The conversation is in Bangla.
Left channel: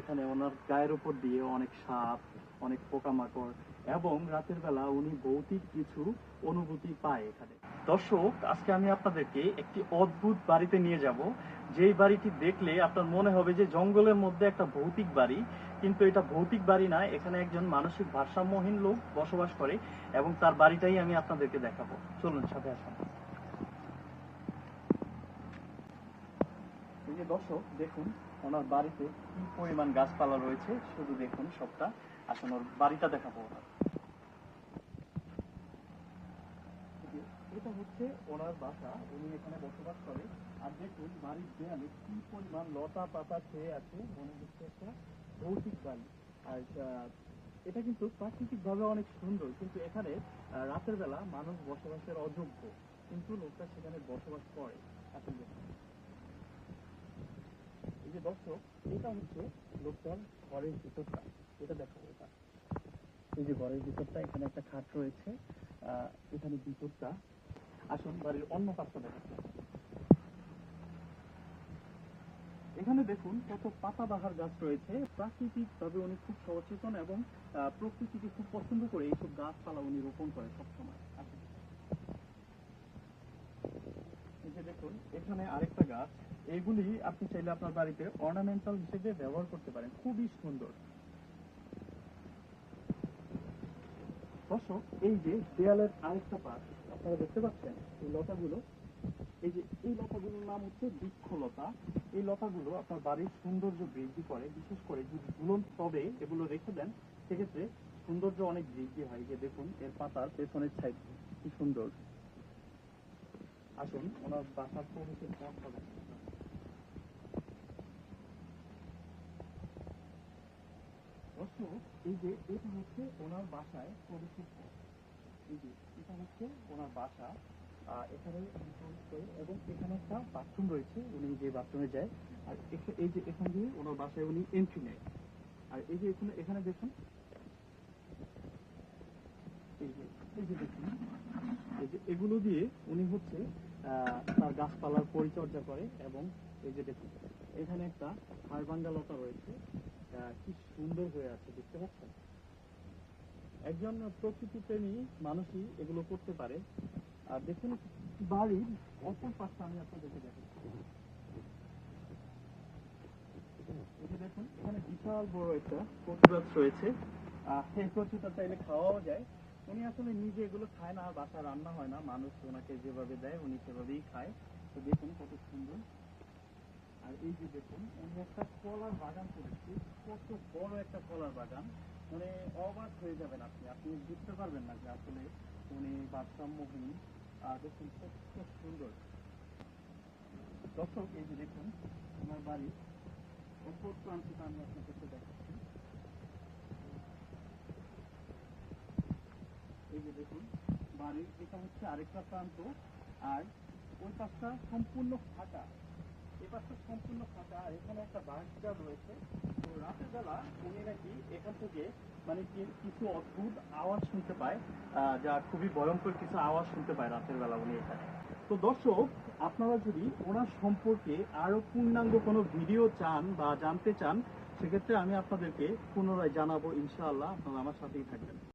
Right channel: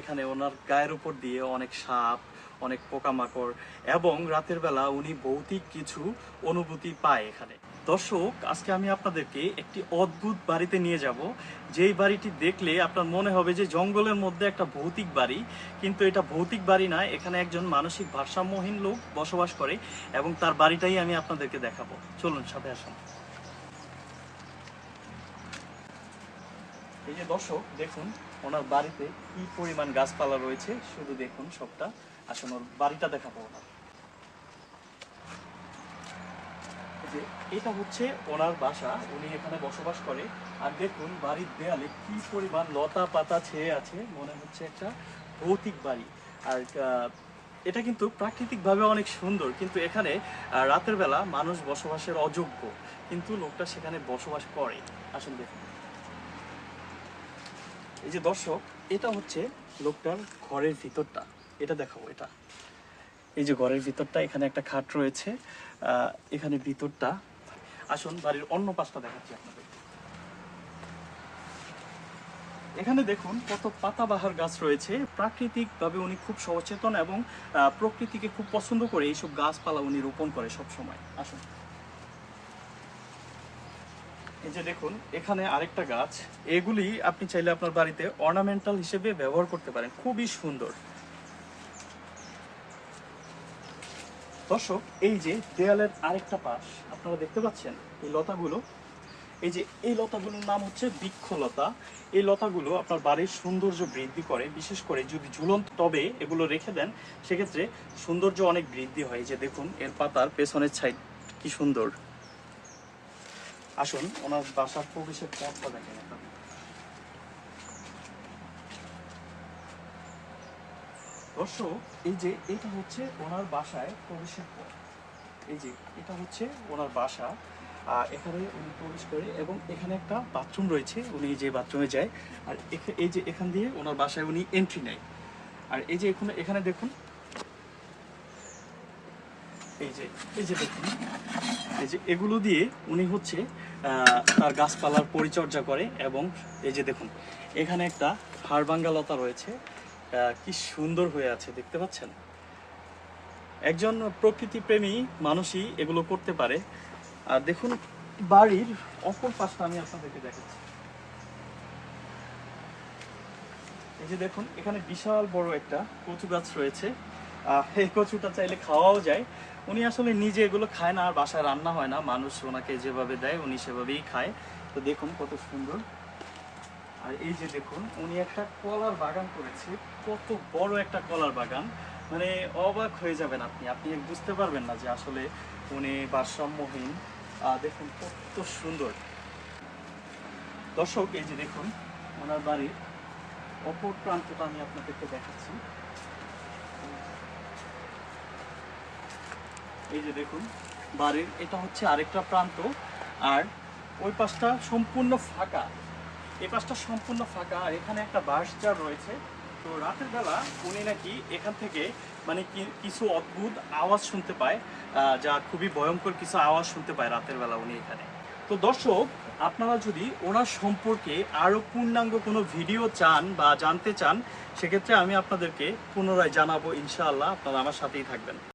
এখানে ওনার গায়ের উপর দিয়ে অনেক সাপ, অনেক পোকামাকড় এবং রাতের বেলা উনি ভৌতিক কিছু অনুভূতি পায় এখানে। দর্শক, আজকে আমি আপনাদেরকে একটি অদ্ভুত বাড়িতে নিয়ে যাব, যেই বাড়িটি দেখলে আপনার মনে হবে যে জঙ্গলের মধ্যে একটা ভৌতিক বাড়ি, কিন্তু এটা ভৌতিক বাড়ি না, এখানে একজন মানসিক ভারসাম্যহীন লোক বসবাস করে এবং তার বাড়িটাই আমি আপনাদেরকে দেখাবো। চলুন সাথে আসুন। এই যে দর্শক দেখুন, ওনার বাড়িতে কি পরিমাণ গাছপালা রয়েছে, শুধু দেখুন সবটা। আসুন ওর বাড়িটা দেখাবো ওনার। যে এটা হচ্ছে ওনার বাসা, উনি এখানে বসবাস করে। আর দেখুন বাড়ির দেয়ালে কি পরিমাণ লতা পাতা ছেয়ে আছে, মনে হচ্ছে একটা ভৌতিক বাড়ি। আর এটা কিন্তু প্রাকৃতিকভাবে অনেক সুন্দর, কিন্তু এখানে রাতের বেলা মানুষ বসবাসের অযোগ্য, কিন্তু লোকটা সেখানে বসবাস করে। আসুন দেখুন। এই যে দর্শক, এটা হচ্ছে লোকটার ঘরের ভিতরটা, এটা দেখাবো। এটা এই যে ঘরের ভিতরটা, এখানে একটা খাট রয়েছে, এখানে ভিতরটা। আসুন বাড়ির অন্য পাশটা দেখাচ্ছি আপনাদের। এখানে দেখুন কত পাতাবাহার গাছ রয়েছে। প্রাকৃতিক ভাবে উনি খুব সচেতন এবং প্রকৃতিকে খুব পছন্দ করে এইসব গাছপালা উনি রোপণ করে সব সময়। আসুন। এই যে দেখুন এখানে আরেকটা গাছ, এগুলি আপনি চাইলে আপনার বাড়িতে অর্নামেন্টাল হিসেবে ব্যবহার করতে পারেন, খুবই সুন্দর। দর্শক, এই যে দেয়ালের আরেকটা পাশ আপনারা দেখতে পাচ্ছেন, এই লতাগুলো, এই যে এই লতাগুলোর নাম হচ্ছে বৃক্ষলতা। এই লতাগুলো আপনার বাড়ির সৌন্দর্য বৃদ্ধি করে, বিশেষ করে যদি ঝুলন্ত টবে এগুলো রেখে দেন, সেক্ষেত্রে সৌন্দর্য অনেক বৃদ্ধি হয়। যে দেখুন এর পাতার পেছনের সাইড কি সুন্দর। আসুন ওনার বাসার প্রবেশের পথটা দেখেন আপনারা। দর্শক, এই যে এটা হচ্ছে ওনার বাসায় প্রবেশের পথ। এই যে এটা হচ্ছে ওনার বাসা, এখানে উনি প্রবেশ করে এবং এখানে একটা বাথরুম রয়েছে, উনি যে বাথরুমে যায়। আর এই যে এখান দিয়ে ওনার বাসায় উনি এন্ট্রি নেয়। আর এই যে এখানে দেখুন, এই যে দেখুন, এই যে এগুলো দিয়ে উনি হচ্ছে তার গাছপালার পরিচর্যা করে। এবং এই যে দেখুন এখানে একটা হাড়ভাঙ্গা লতা রয়েছে, কি সুন্দর হয়ে আছে দেখতে পাচ্ছেন। একজন প্রকৃতি প্রেমী মানুষই এগুলো করতে পারে। আর দেখুন বাড়ির অপর পাশটা আমি আপনাদেরকে দেখাচ্ছি। এই যে দেখুন এখানে বিশাল বড় একটা কচু গাছ রয়েছে, এই কচুটা চাইলে খাওয়াও যায়। উনি আসলে নিজে এগুলো খায় না, আর বাসায় রান্না হয় না, মানুষ ওনাকে যেভাবে দেয় উনি সেভাবেই খায়। তো দেখুন কত সুন্দর। আর এই যে দেখুন উনি একটা কলার বাগান করেছে, কত বড় একটা কলার বাগান, মানে অবাক হয়ে যাবেন আপনি আপনি বুঝতে পারবেন না যে আসলে উনি ভারসাম্যহীন। দেখুন কত সুন্দর। দর্শক, এই যে দেখুন ওনার বাড়ির অপর প্রান্তটা আমি আপনাদেরকে দেখাচ্ছি। এই যে দেখুন বাড়ির এটা হচ্ছে আরেকটা প্রান্ত, আর ওই পাশটা সম্পূর্ণ ফাঁকা, এই পাশটা সম্পূর্ণ ফাঁকা। আর এখানে একটা বাঁশঝাড় রয়েছে। তো রাতের বেলা উনি নাকি এখান থেকে মানে কিছু অদ্ভুত আওয়াজ শুনতে পায়, যা খুবই ভয়ঙ্কর কিছু আওয়াজ শুনতে পায় রাতের বেলা উনি এখানে। তো দর্শক, আপনারা যদি ওনার সম্পর্কে আরও পূর্ণাঙ্গ কোনো ভিডিও চান বা জানতে চান, সেক্ষেত্রে আমি আপনাদেরকে পুনরায় জানাবো ইনশাআল্লাহ। আপনারা আমার সাথেই থাকবেন।